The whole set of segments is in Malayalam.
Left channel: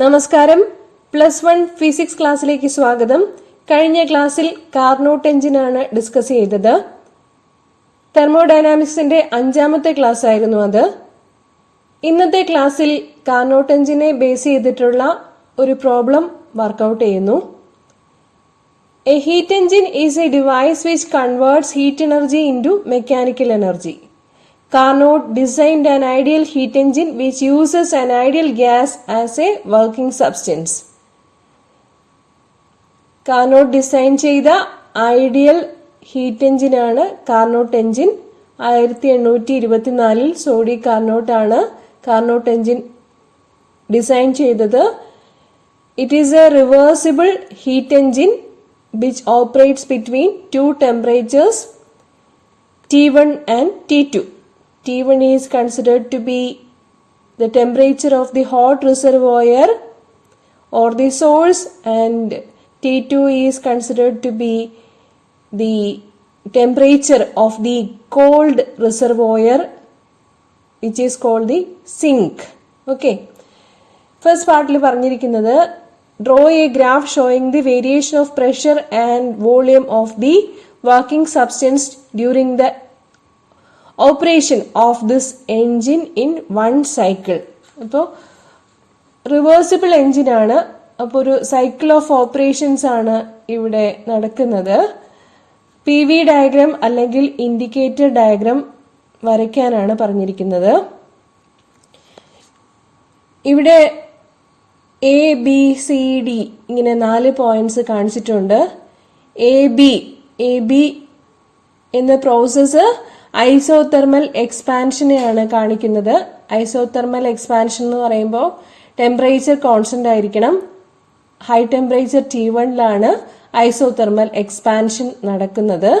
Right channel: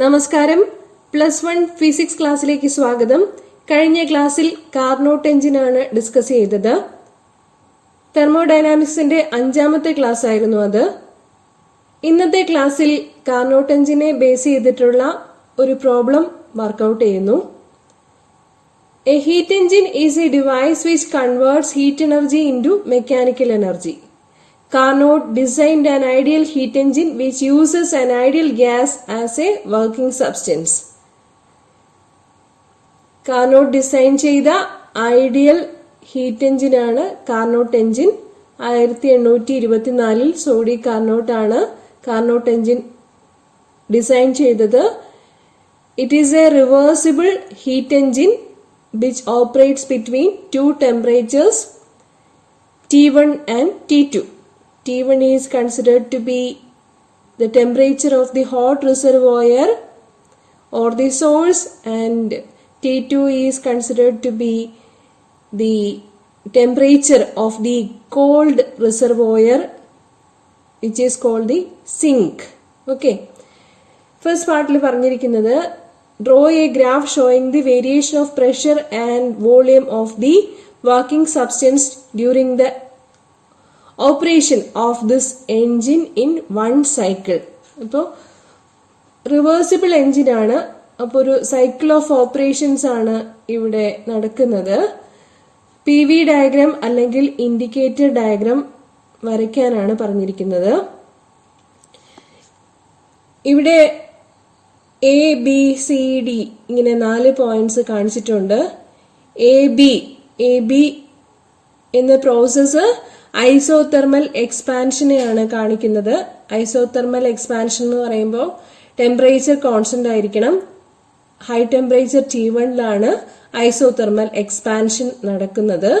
നമസ്കാരം. +1 ഫിസിക്സ് ക്ലാസ്സിലേക്ക് സ്വാഗതം. കഴിഞ്ഞ ക്ലാസ്സിൽ കാർനോട്ട് എഞ്ചിനാണ് ഡിസ്കസ് ചെയ്തത്. തെർമോഡൈനാമിക്സിന്റെ 5ാമത്തെ ക്ലാസ് ആയിരുന്നു അത്. ഇന്നത്തെ ക്ലാസ്സിൽ കാർനോട്ട് എഞ്ചിനെ ബേസ് ചെയ്തിട്ടുള്ള ഒരു പ്രോബ്ലം വർക്കൗട്ട് ചെയ്യുന്നു. A heat engine is A device which converts heat energy into mechanical energy. Carnot designed an ideal heat engine which uses an ideal gas as a working substance. Carnot design ചെയ്ത ഐഡിയൽ ഹീറ്റ് എഞ്ചിനാണ് കാർനോട്ട് എഞ്ചിൻ. 1824 സോഡി കാർനോട്ട് ആണ് കാർനോട്ട് എഞ്ചിൻ ഡിസൈൻ ചെയ്തത്. It is A reversible heat engine which operates between two temperatures T1 and T2. T1 is considered to be the temperature of the hot reservoir or the source, and T2 is considered to be the temperature of the cold reservoir, which is called the sink. Okay. First part il paranjirikkunnathu, draw a graph showing the variation of pressure and volume of the working substance during the operation of this engine in 1 cycle. അപ്പോൾ റിവേഴ്സിബിൾ എൻജിനാണ്. അപ്പോൾ ഒരു സൈക്കിൾ ഓഫ് ഓപ്പറേഷൻസ് ആണ് ഇവിടെ നടക്കുന്നത്. PV ഡയഗ്രാം അല്ലെങ്കിൽ ഇൻഡിക്കേറ്റർ ഡയഗ്രാം വരയ്ക്കാനാണ് പറഞ്ഞിരിക്കുന്നത്. ഇവിടെ ABCD ഇങ്ങനെ 4 പോയിന്റ്സ് കാണിച്ചിട്ടുണ്ട്. AB എന്ന പ്രോസസ്സ് ഐസോതെർമൽ എക്സ്പാൻഷനെയാണ് കാണിക്കുന്നത്. ഐസോതെർമൽ എക്സ്പാൻഷൻ എന്ന് പറയുമ്പോൾ ടെമ്പറേച്ചർ കോൺസ്റ്റന്റ് ആയിരിക്കണം. ഹൈ ടെമ്പറേച്ചർ T1ലാണ് ഐസോതെർമൽ എക്സ്പാൻഷൻ നടക്കുന്നത്.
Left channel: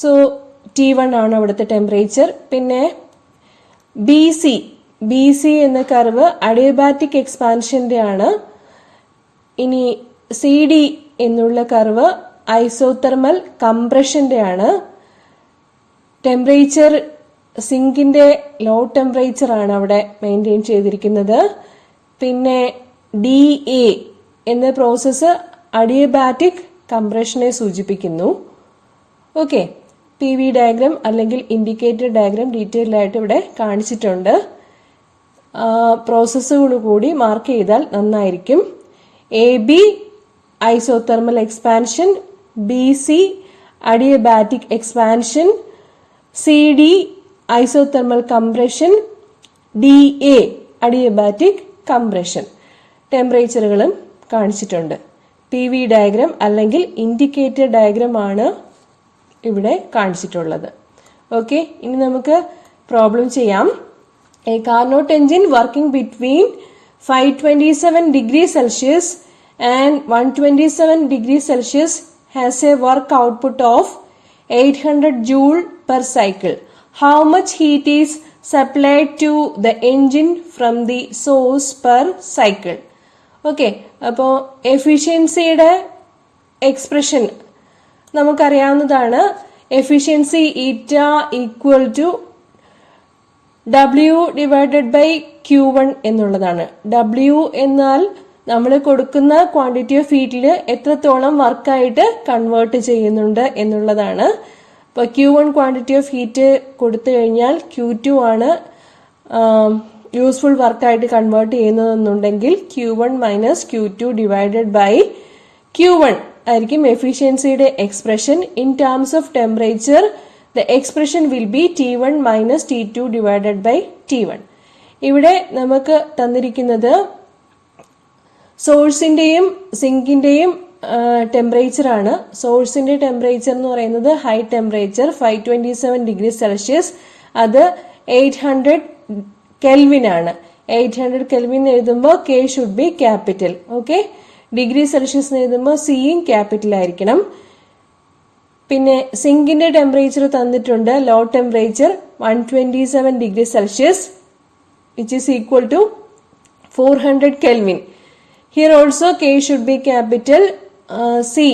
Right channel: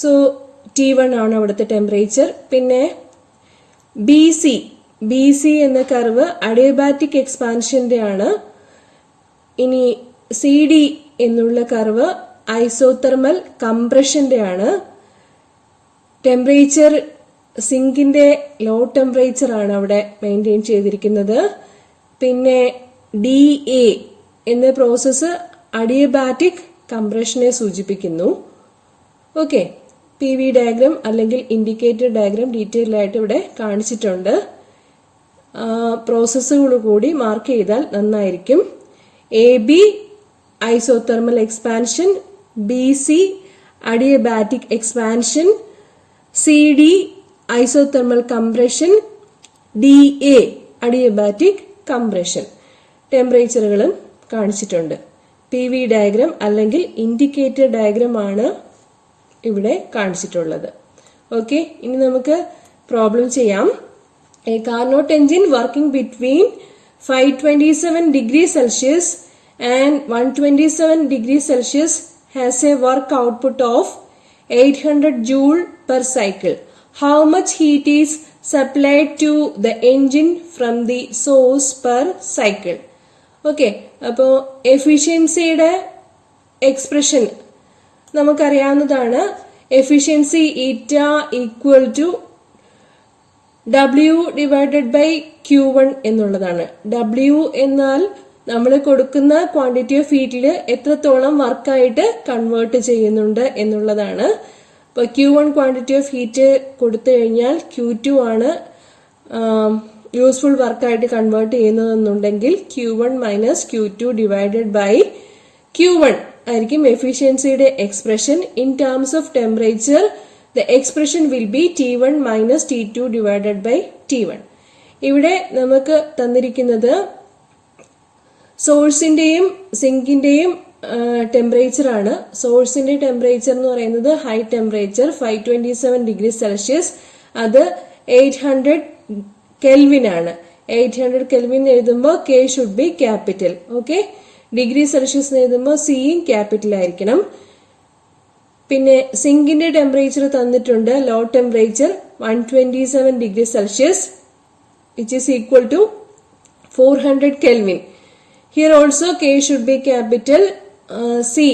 സോ T1 ആണ് അവിടുത്തെ ടെമ്പറേച്ചർ. പിന്നെ BC എന്ന കർവ് അഡിയബാറ്റിക് എക്സ്പാൻഷന്റെ ആണ്. ഇനി CD എന്നുള്ള കർവ് ഐസോതെർമൽ കംപ്രഷന്റെ ആണ്. ടെമ്പറേച്ചർ സിങ്കിന്റെ ലോ ടെമ്പറേച്ചർ ആണ് അവിടെ മെയിൻറ്റെയിൻ ചെയ്തിരിക്കുന്നത്. പിന്നെ DA എന്ന പ്രോസസ്സ് അഡിയബാറ്റിക് കംപ്രഷനെ സൂചിപ്പിക്കുന്നു. ഓക്കെ, PV ഡയഗ്രാം അല്ലെങ്കിൽ ഇൻഡിക്കേറ്റർ ഡയഗ്രാം ഡീറ്റെയിൽ ആയിട്ട് ഇവിടെ കാണിച്ചിട്ടുണ്ട്. പ്രോസസ്സുകൾ കൂടി മാർക്ക് ചെയ്താൽ നന്നായിരിക്കും. AB isothermal expansion, BC adiabatic expansion, CD isothermal compression, DA adiabatic compression. ടെമ്പറേച്ചറുകളും കാണിച്ചിട്ടുണ്ട്. PV ഡയഗ്രാം അല്ലെങ്കിൽ ഇൻഡിക്കേറ്റർ ഡയഗ്രാം ആണ് ഇവിടെ കാണിച്ചിട്ടുള്ളത്. ഓക്കെ, ഇനി നമുക്ക് പ്രോബ്ലം ചെയ്യാം. A Carnot engine working between 527 degrees Celsius and 127 degrees Celsius has a work output of 800 joule per cycle. How much heat is supplied to the engine from the source per cycle? Okay, അപ്പോൾ എഫിഷ്യൻസിയുടെ എക്സ്പ്രഷൻ നമുക്കറിയാവുന്നതാണ്. Efficiency eta equal to W divided by Q1 എന്നുള്ളതാണ്. W എന്നാൽ നമ്മൾ കൊടുക്കുന്ന ക്വാണ്ടിറ്റി ഓഫ് ഹീറ്റിൽ എത്രത്തോളം വർക്കായിട്ട് കൺവേർട്ട് ചെയ്യുന്നുണ്ട് എന്നുള്ളതാണ്. അപ്പോൾ Q1 ക്വാണ്ടിറ്റി ഓഫ് ഹീറ്റ് കൊടുത്തു കഴിഞ്ഞാൽ Q2 ആണ് യൂസ്ഫുൾ വർക്കായിട്ട് കൺവേർട്ട് ചെയ്യുന്നതെന്നുണ്ടെങ്കിൽ Q1 minus Q2 divided by Q1 ആയിരിക്കും എഫിഷ്യൻസിയുടെ expression. In terms of temperature the expression will be T1 minus T2 divided by T1. ഇവിടെ നമുക്ക് തന്നിരിക്കുന്നത് സോഴ്സിന്റെയും സിങ്കിന്റെയും ടെമ്പറേച്ചർ ആണ്. സോഴ്സിന്റെ ടെമ്പറേച്ചർ എന്ന് പറയുന്നത് ഹൈ ടെമ്പറേച്ചർ 527 ഡിഗ്രി സെൽഷ്യസ്, അത് 800 കെൽവിൻ ആണ്. 800 കെൽവിൻ എഴുതുമ്പോൾ K should be capital. Okay, degree Celsius എഴുതുമ്പോൾ സിയും ക്യാപിറ്റൽ ആയിരിക്കണം. പിന്നെ സിങ്കിന്റെ ടെമ്പറേച്ചർ തന്നിട്ടുണ്ട്. Low temperature 127 degree Celsius which is equal to 400 kelvin. Here also K should be capital. C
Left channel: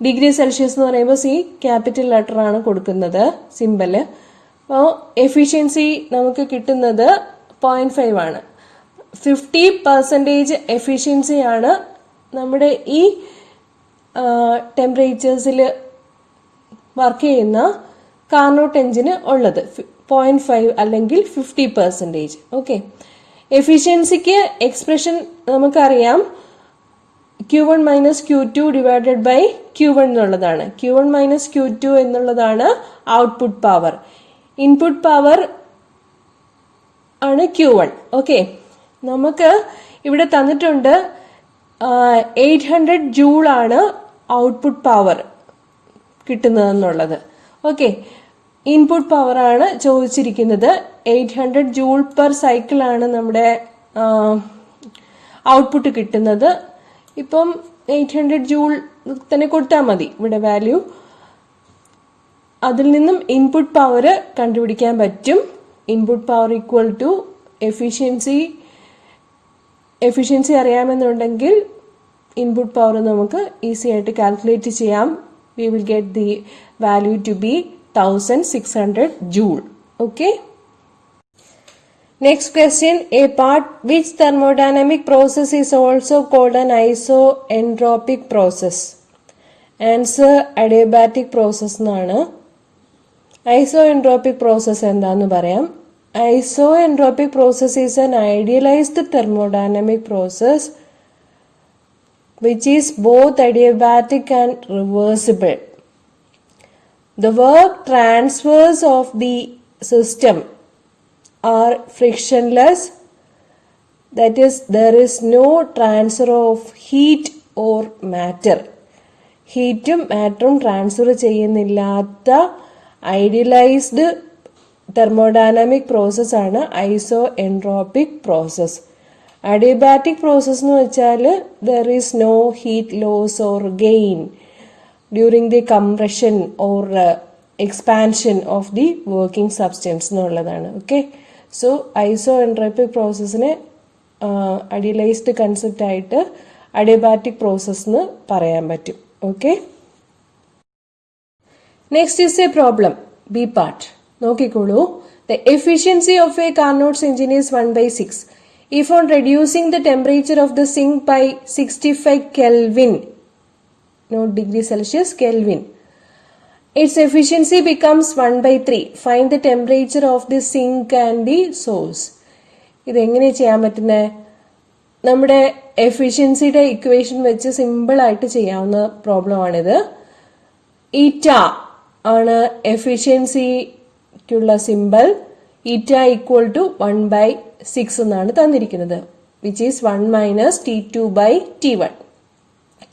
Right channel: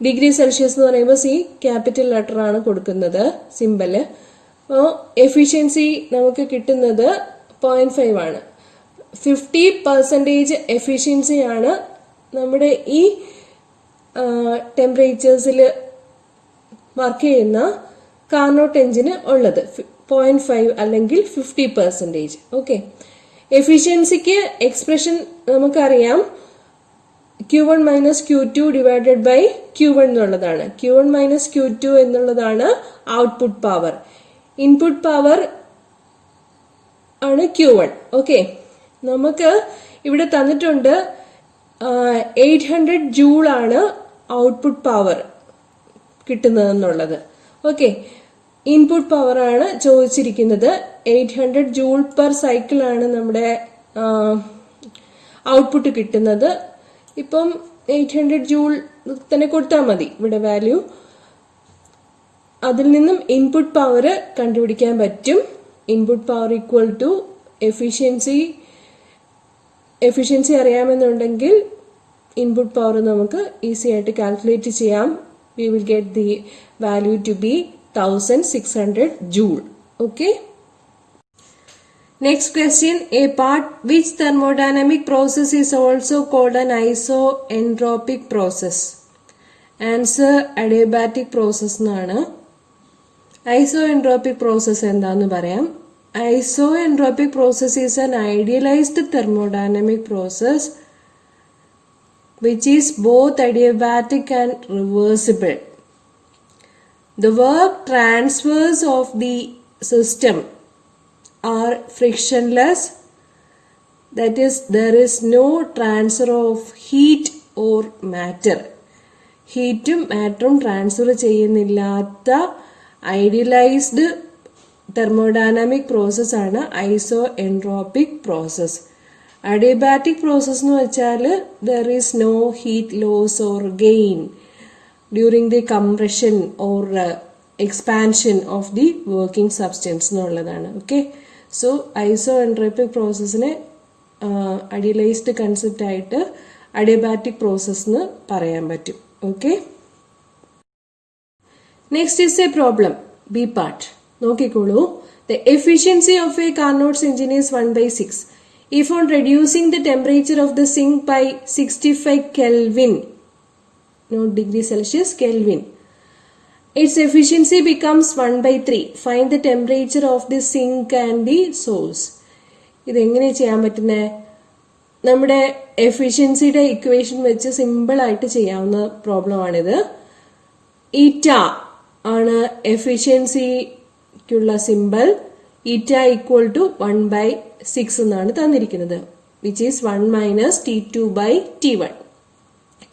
degree Celsius എന്ന് പറയുമ്പോൾ സി ക്യാപിറ്റൽ ലെറ്റർ ആണ് കൊടുക്കുന്നത്, സിമ്പല്. അപ്പോൾ എഫിഷ്യൻസി നമുക്ക് കിട്ടുന്നത് 0.5 ആണ്. 50% എഫിഷ്യൻസിയാണ് നമ്മുടെ ഈ ടെമ്പറേച്ചേഴ്സിൽ വർക്ക് ചെയ്യുന്ന കാർനോട്ട് എഞ്ചിന് ഉള്ളത്. 0.5 അല്ലെങ്കിൽ 50%. ഓക്കെ, എഫിഷ്യൻസിക്ക് എക്സ്പ്രഷൻ നമുക്കറിയാം, Q1 minus Q2 divided by Q1 എന്നുള്ളതാണ്. Q1 മൈനസ് Q2 എന്നുള്ളതാണ് ഔട്ട്പുട്ട് പവർ. ഇൻപുട്ട് പവർ ആണ് Q1. ഓക്കെ, നമുക്ക് ഇവിടെ തന്നിട്ടുണ്ട് 800 ജൂൾ ആണ് ഔട്ട്പുട്ട് പവർ കിട്ടുന്നതെന്നുള്ളത്. ഓക്കെ, ഇൻപുട്ട് പവർ ആണ് ചോദിച്ചിരിക്കുന്നത്. 800 ജൂൾ പെർ സൈക്കിൾ ആണ് നമ്മുടെ ഔട്ട്പുട്ട് കിട്ടുന്നത്. ഇപ്പം 800 ജൂൾ തന്നെ കൊടുത്താൽ മതി ഇവിടെ വാല്യൂ. അതിൽ നിന്നും ഇൻപുട്ട് പവർ കണ്ടുപിടിക്കാൻ പറ്റും. Input power equal to efficiency അറിയാമെന്നുണ്ടെങ്കിൽ ഇൻപുട്ട് പവർ നമുക്ക് ഈസി ആയിട്ട് കാൽക്കുലേറ്റ് ചെയ്യാം. We will get the value to be 1600 joule. Okay, next question, a part which thermodynamic process is also called an isoentropic process. Answer adiabatic process എന്നാണ്. Isoentropic process എന്താന്ന് പറയാം. Isoentropic process is an idealized thermodynamic process which is both adiabatic and reversible. The work transfers of the system are frictionless, that is, there is no transfer of heat or matter. ഹീറ്റും മാറ്ററും ട്രാൻസ്ഫർ ചെയ്യുന്നില്ലാത്ത ഐഡിയലൈസ്ഡ് തെർമോഡൈനാമിക് പ്രോസസ് ആണ് iso entropic process. Adiabatic process എന്ന് വെച്ചാൽ there is no heat loss or gain during the compression or expansion of the working substance എന്നുള്ളതാണ്. ഓക്കെ, സോ ഐസോ എൻട്രോപ്പിക് പ്രോസസ്സിനെ ഐഡിയലൈസ്ഡ് കൺസെപ്റ്റ് ആയിട്ട് അഡിയബാറ്റിക് പ്രോസസ് എന്ന് പറയാൻ പറ്റും. Okay, next is a problem, B part. നോക്കിക്കോളൂ. The efficiency of a Carnot's engine is 1/6 if on reducing the temperature of the sink by 65 Kelvin, not degree Celsius, Kelvin, its efficiency becomes 1/3. Find the temperature of the sink and the source. ഇതെങ്ങനെ ചെയ്യാൻ പറ്റുന്നത്? നമ്മുടെ എഫിഷ്യൻസിയുടെ ഇക്വേഷൻ വെച്ച് സിമ്പിൾ ആയിട്ട് ചെയ്യാവുന്ന പ്രോബ്ലമാണിത്. ഈറ്റ ആണ് എഫിഷ്യൻസിക്കുള്ള സിമ്പിൾ. ഈറ്റ ഈക്വൽ ടു 1/6 എന്നാണ് തന്നിരിക്കുന്നത്, which is 1 minus T2 by T1.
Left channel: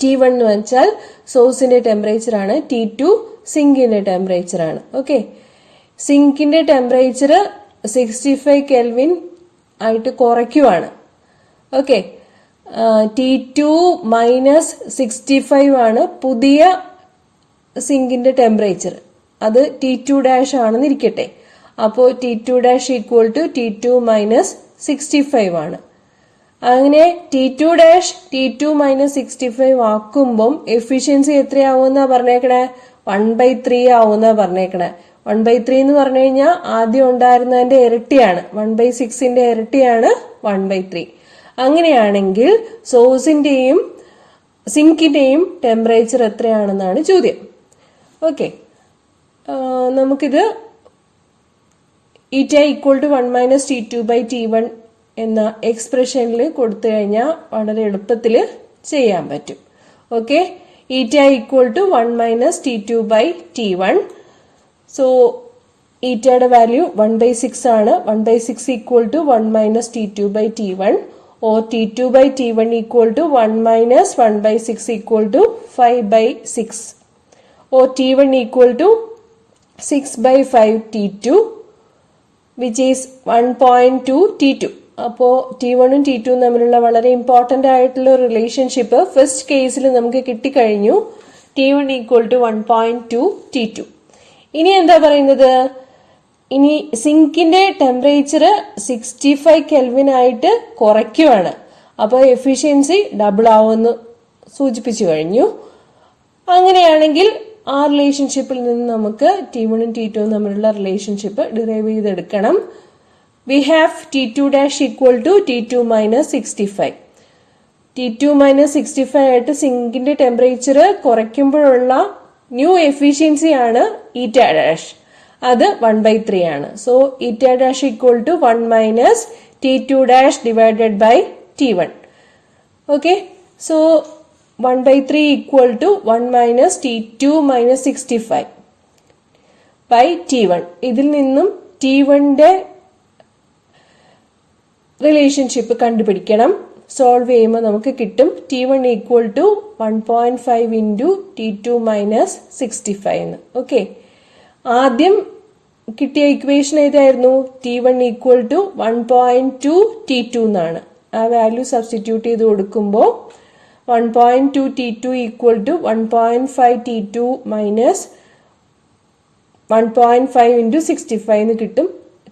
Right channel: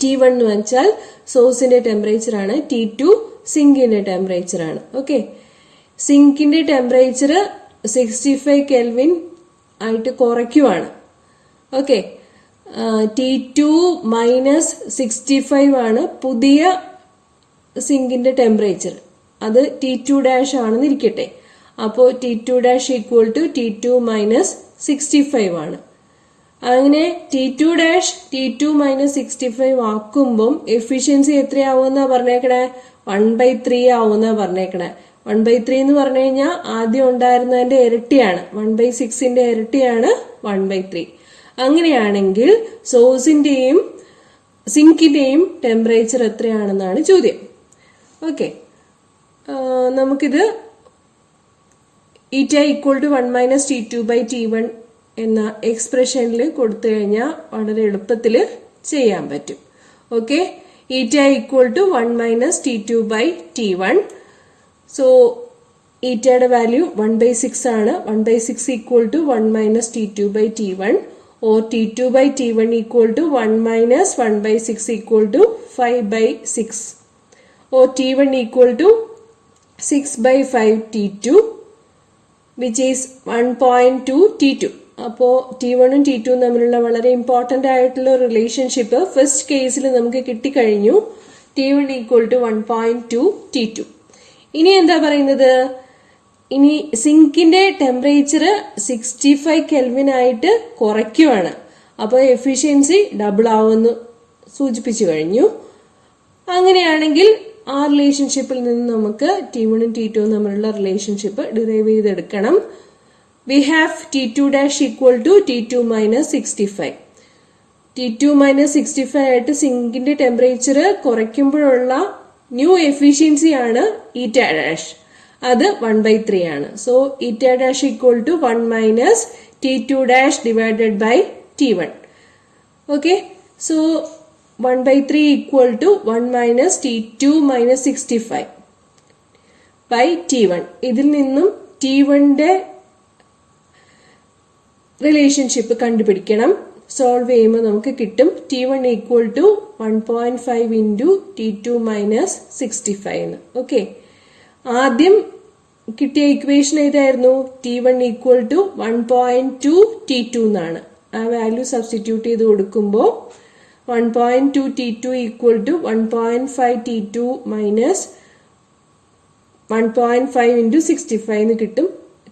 T1 എന്ന് വെച്ചാൽ സോഴ്സിന്റെ ടെമ്പറേച്ചർ ആണ്, T2 സിങ്കിന്റെ ടെമ്പറേച്ചർ ആണ്. ഓക്കെ, സിങ്കിന്റെ ടെമ്പറേച്ചർ 65 കെൽവിൻ ആയിട്ട് കുറയ്ക്കുവാണ്. ഓക്കെ, T2 മൈനസ് 65 ആണ് പുതിയ സിങ്കിന്റെ ടെമ്പറേച്ചർ. അത് T2 ഡാഷ് ആണെന്ന് ഇരിക്കട്ടെ. അപ്പോൾ T2 dash equal to T2 minus 65 ആണ്. അങ്ങനെ T2 ഡാഷ് T2 മൈനസ് 65 ആക്കുമ്പം എഫിഷ്യൻസി എത്രയാവുമെന്നാ പറഞ്ഞേക്കണേ? 1/3 ആവുമെന്നാ പറഞ്ഞേക്കണേ. 1/3 എന്ന് പറഞ്ഞു കഴിഞ്ഞാൽ ആദ്യം ഉണ്ടായിരുന്നതിന്റെ ഇരട്ടിയാണ്, 1/6ന്റെ ഇരട്ടിയാണ് 1/3. അങ്ങനെയാണെങ്കിൽ സോഴ്സിന്റെയും സിങ്കിന്റെയും ടെമ്പറേച്ചർ എത്രയാണെന്നാണ് ചോദ്യം. ഓക്കെ, നമുക്കിത് ഈറ്റ equal to 1 minus T2 by T1 എന്ന എക്സ്പ്രഷനിൽ കൊടുത്തു കഴിഞ്ഞാൽ വളരെ എളുപ്പത്തിൽ ചെയ്യാൻ പറ്റും. Okay, eta equal to 1 minus T2 by T1. So ഈറ്റയുടെ വാല്യൂ 1/6 ആണ്. 1/6 equal to 1 minus T2 by T1 or T2 by T1 equal to 1 minus 1/6 equal to 5/6 or T1 equal to 6/5 T2 which is 1.2 T2. അപ്പോൾ T1 ഉം T2 ഉം തമ്മിലുള്ള വളരെ ഇമ്പോർട്ടന്റ് ആയിട്ടുള്ള റിലേഷൻഷിപ്പ് ഫസ്റ്റ് കേസിൽ നമുക്ക് കിട്ടിക്കഴിഞ്ഞു. T1 equal to 1.2 T2. ഇനി എന്താ പറയുന്നത്? ഇനി സിങ്കിന്റെ ടെമ്പറേച്ചർ 65 കെൽവിൻ ആയിട്ട് കുറയ്ക്കുവാണ്. അപ്പോൾ എഫിഷ്യൻസി ഡബിൾ ആവുമെന്ന് സൂചിപ്പിച്ചു കഴിഞ്ഞു. അങ്ങനെയാണെങ്കിൽ ആ റിലേഷൻഷിപ്പിൽ നിന്ന് നമുക്ക് T1 ഉം T2 ഉം തമ്മിലുള്ള റിലേഷൻഷിപ്പ് ഡിറൈവ് ചെയ്തെടുക്കണം. we have T2 dash equal to T2 minus 65. T2 minus 65 ആയിട്ട് സിങ്കിന്റെ ടെമ്പറേച്ചർ കുറയ്ക്കുമ്പോഴുള്ള ന്യൂ എഫിഷ്യൻസി ആണ് ഈറ്റ ഡാഷ്. അത് 1/3 ആണ്. So eta dash equal to 1 minus T2 dash divided by T1. Okay. So 1/3 equal to 1 minus T2 minus 65 by T1. ഇതിൽ നിന്നും T1ന്റെ റിലേഷൻഷിപ്പ് കണ്ടുപിടിക്കണം. സോൾവ് ചെയ്യുമ്പോൾ നമുക്ക് കിട്ടും T1 equal to 1.5 into T2 minus 65 എന്ന്. ഓക്കെ, ആദ്യം കിട്ടിയ ഇക്വേഷൻ ഏതായിരുന്നു? T1 ഈക്വൽ ടു 1.2 T2 എന്നാണ്. ആ വാല്യൂ സബ്സ്റ്റിറ്റ്യൂട്ട് ചെയ്ത് കൊടുക്കുമ്പോൾ 1.2 T2 equal to 1.5 T2 minus 1.5 into 65 എന്ന് കിട്ടും.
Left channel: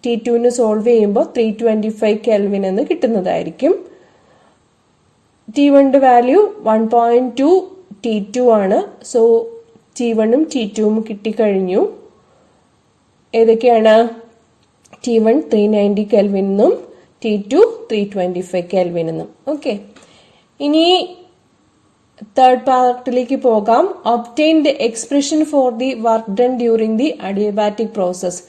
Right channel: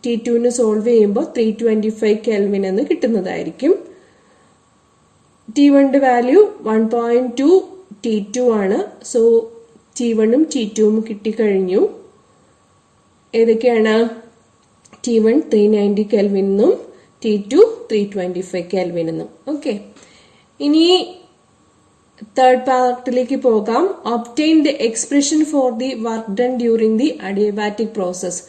T2ന് സോൾവ് ചെയ്യുമ്പോൾ 325 കെൽവിൻ എന്ന് കിട്ടുന്നതായിരിക്കും. T1ന്റെ വാല്യൂ 1.2 T2 ആണ്. സോ T1ഉം T2ഉം കിട്ടിക്കഴിഞ്ഞു. ഏതൊക്കെയാണ്? T1 390 കെൽവിനും T2 325 കെൽവിനും. ഓക്കെ, ഇനി തേർഡ് പാർട്ടിലേക്ക് പോകാം. Obtain the expression for the work done during the adiabatic process.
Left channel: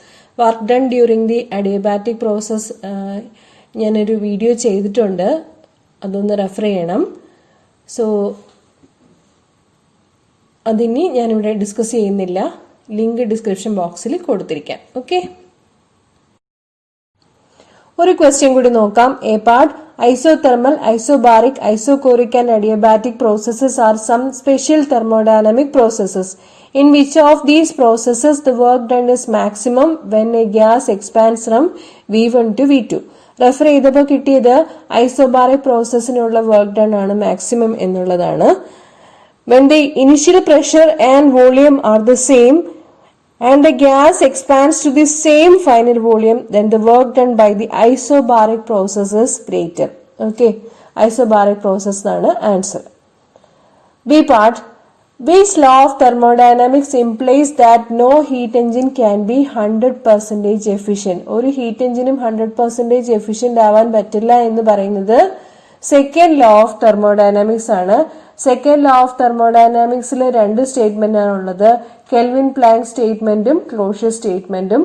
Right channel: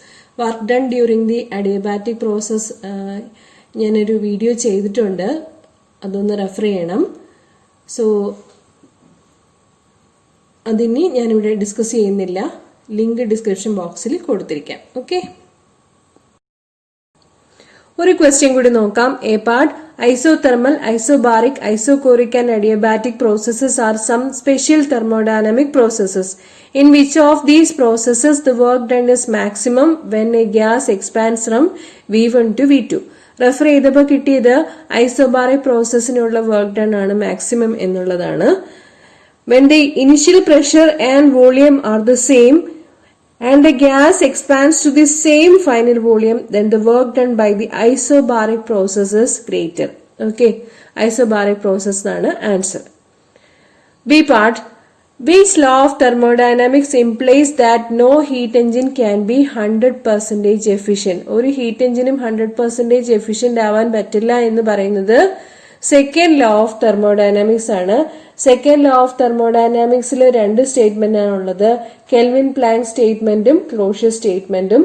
Work done during the adiabatic process ഞാനൊരു വീഡിയോ ചെയ്തിട്ടുണ്ട്, അതൊന്ന് റെഫർ ചെയ്യണം. സോ അതിനി ഞാനിവിടെ ഡിസ്കസ് ചെയ്യുന്നില്ല, ലിങ്ക് ഡിസ്ക്രിപ്ഷൻ ബോക്സിൽ കൊടുത്തിരിക്കാം. ഓക്കെ, ഒരു ക്വസ്റ്റ്യൻ കൂടി നോക്കാം. A part, isothermal, isobaric, isochoric and adiabatic processes are some special thermodynamic processes. In which of these processes the work done is maximum when a gas expands from V1 to V2? Refer ചെയ്തപ്പോൾ കിട്ടിയത് ഐസോബാറിക് പ്രോസസ്സിനുള്ള വർക്ക് ഡൺ ആണ് മാക്സിമം എന്നുള്ളതാണ്. When the initial pressure and volume are the same and the gas expands to the same final volume, then the work done by the isobaric process is greater. Okay, isobaric process ആണ് answer. B part, which law of thermodynamics implies that no heat engine can be 100% efficient? ഒരു ഹീറ്റ് എഞ്ചിനും 100% എഫിഷ്യന്റ് ആവാൻ പറ്റില്ല എന്ന് പറയുന്നത് സെക്കൻഡ് ലോ ഓഫ് തെർമോഡൈനാമിക്സ് ആണ്. സെക്കൻഡ് ലോ ഓഫ് തെർമോഡൈനാമിക്സിൽ രണ്ട് സ്റ്റേറ്റ്മെന്റ് ആണുള്ളത്, കെൽവിൻ പ്ലാങ്ക് സ്റ്റേറ്റ്മെന്റും ക്ലോഷ്യസ് സ്റ്റേറ്റ്മെന്റും.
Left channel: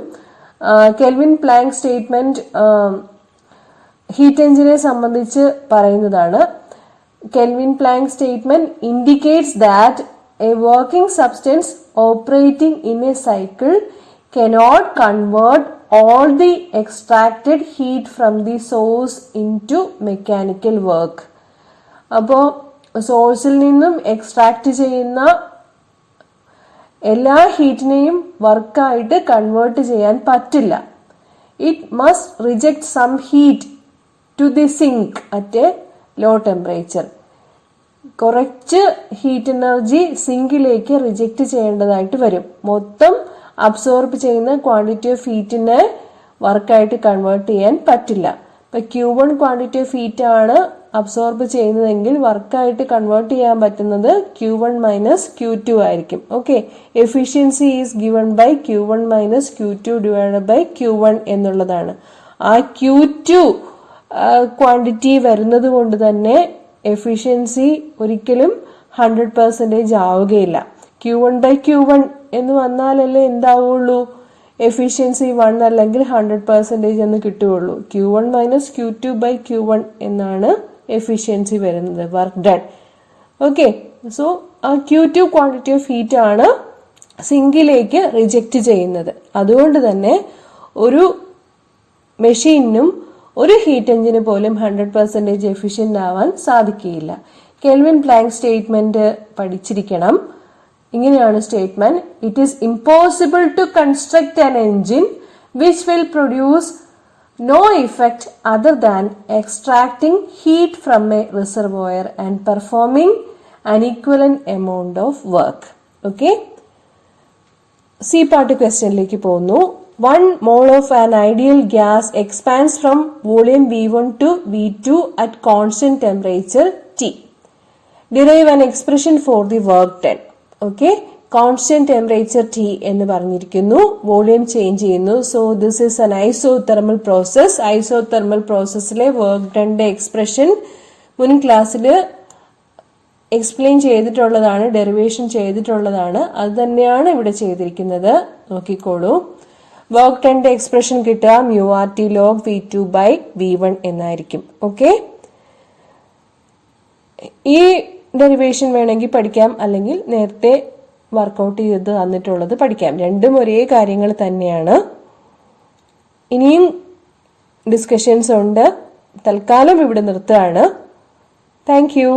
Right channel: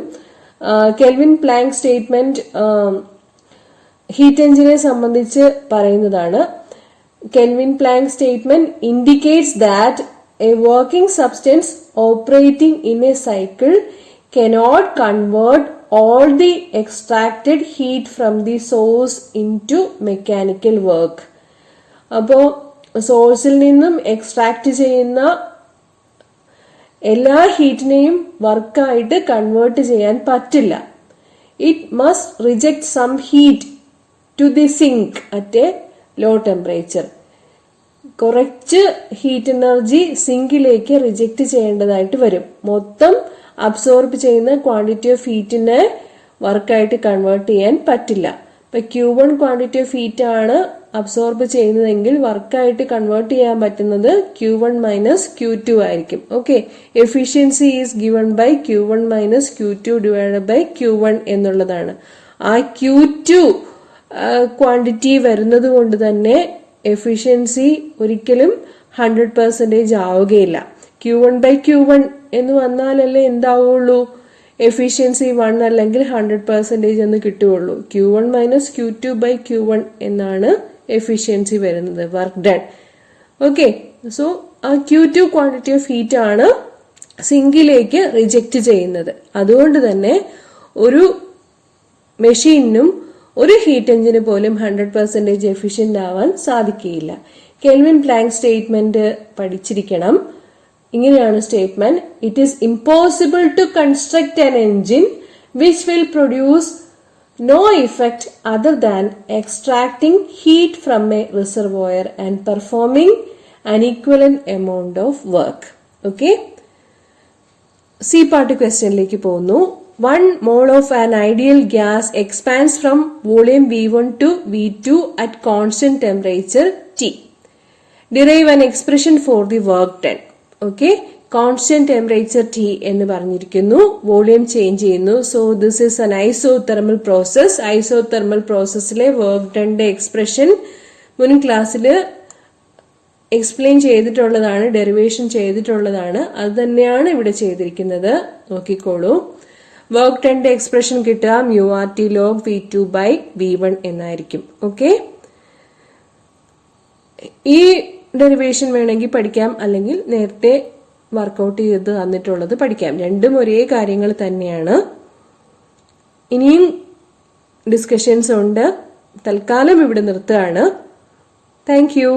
കെൽവിൻ പ്ലാങ്ക് സ്റ്റേറ്റ്മെന്റ് ഹീറ്റ് എഞ്ചിനെ സംബന്ധിച്ച് പറയുന്നതാണ്. Kelvin Planck statement indicates that a working substance operating in a cycle cannot convert all the extracted heat from the source into mechanical work. അപ്പോൾ സോഴ്സിൽ നിന്നും എക്സ്ട്രാക്ട് ചെയ്യുന്ന എല്ലാ ഹീറ്റിനെയും വർക്കായിട്ട് കൺവേർട്ട് ചെയ്യാൻ പറ്റില്ല. It must reject some heat to the sink at a low temperature. കുറച്ച് ഹീറ്റ് എനർജി സിങ്കിലേക്ക് റിജക്റ്റ് ചെയ്യേണ്ടതായിട്ട് വരും. മൊത്തം അബ്സോർബ് ചെയ്യുന്ന ക്വാണ്ടിറ്റി ഓഫ് ഹീറ്റിനെ വർക്കായിട്ട് കൺവേർട്ട് ചെയ്യാൻ പറ്റില്ല. ഇപ്പൊ Q1 ക്വാണ്ടിറ്റി ഓഫ് ഹീറ്റ് ആണ് അബ്സോർബ് ചെയ്യുന്നതെങ്കിൽ വർക്കായിട്ട് കൺവേർട്ട് ചെയ്യാൻ പറ്റുന്നത് Q1 മൈനസ് Q2 ആയിരിക്കും. Okay, efficiency is given by Q1 minus Q2 divided by Q1 എന്നുള്ളതാണ്. ആ Q2 ക്വാണ്ടിറ്റി വരുന്നത് കൊണ്ട് തന്നെ എഫിഷ്യൻസി ഒരിക്കലും 100% ആവുകയില്ല. Q1 ബൈ Q1 എന്ന് വന്നാലല്ലേ എന്താവുള്ളൂ, എഫിഷ്യൻസി 1 അല്ലെങ്കിൽ 100% എന്ന് കിട്ടുകയുള്ളൂ. Q1 minus Q2 by Q1 എന്നാണ് എഫിഷ്യൻസി വരുന്നത്, വർക്ക് ഡൺ. ഓക്കെ, സോ ആ Q2 ക്വാണ്ടിറ്റി ഓഫ് ഹീറ്റ് ആണ് സിങ്കിലേക്ക് റിജക്റ്റ് ചെയ്യുന്നത്. അതുകൊണ്ട് തന്നെ ഒരു മെഷീനും ഒരു ഹീറ്റ് എഞ്ചിന് പോലും 100% എഫിഷ്യന്റ് ആവാൻ സാധിക്കുകയില്ല. കെൽവിൻ പ്ലാങ്ക് സ്റ്റേറ്റ്മെന്റ് പഠിച്ചിരിക്കണം. ഇങ്ങനെയാണ് statement: it is impossible to construct an engine which will produce no effect other than extracting heat from a reservoir and performing an equivalent amount of work. Okay, C part ക്വസ്റ്റ്യനിലേക്ക് പോകുന്നു. 1 mole of an ideal gas expands from volume V1 to V2 at constant temperature T. Derive an expression for the work done. Okay, constant temperature T എന്ന് പറഞ്ഞിരിക്കുന്നു, വോളിയം ചേഞ്ച് ചെയ്യുന്നു. So this is an isothermal process. Isothermal പ്രോസസ്സിലെ വർക്ക് ഡണ്ടെ എക്സ്പ്രഷൻ മുൻ ക്ലാസ്സിൽ എക്സ്പ്ലെയിൻ ചെയ്തിട്ടുള്ളതാണ്, ഡെറിവേഷൻ ചെയ്തിട്ടുള്ളതാണ്. അത് തന്നെയാണ് ഇവിടെ ചെയ്തിരിക്കുന്നത്. നോക്കിക്കോളൂ. വർക്ക് ഡണ്ടെ എക്സ്പ്രഷൻ കിട്ടുക μRT log V2/V1 എന്നായിരിക്കും. ഓക്കെ, ഈ ഡെറിവേഷൻ വേണമെങ്കിൽ പഠിക്കാം, അല്ലെങ്കിൽ നേരത്തെ വർക്കൗട്ട് ചെയ്ത് തന്നിട്ടുള്ളത് പഠിക്കാം. രണ്ടും ഒരേ കാര്യങ്ങൾ തന്നെയാണ്. ഇനിയും ഡിസ്കഷൻസ് ഉണ്ട്. തൽക്കാലം ഇവിടെ നിർത്തുകയാണ്. Thank you.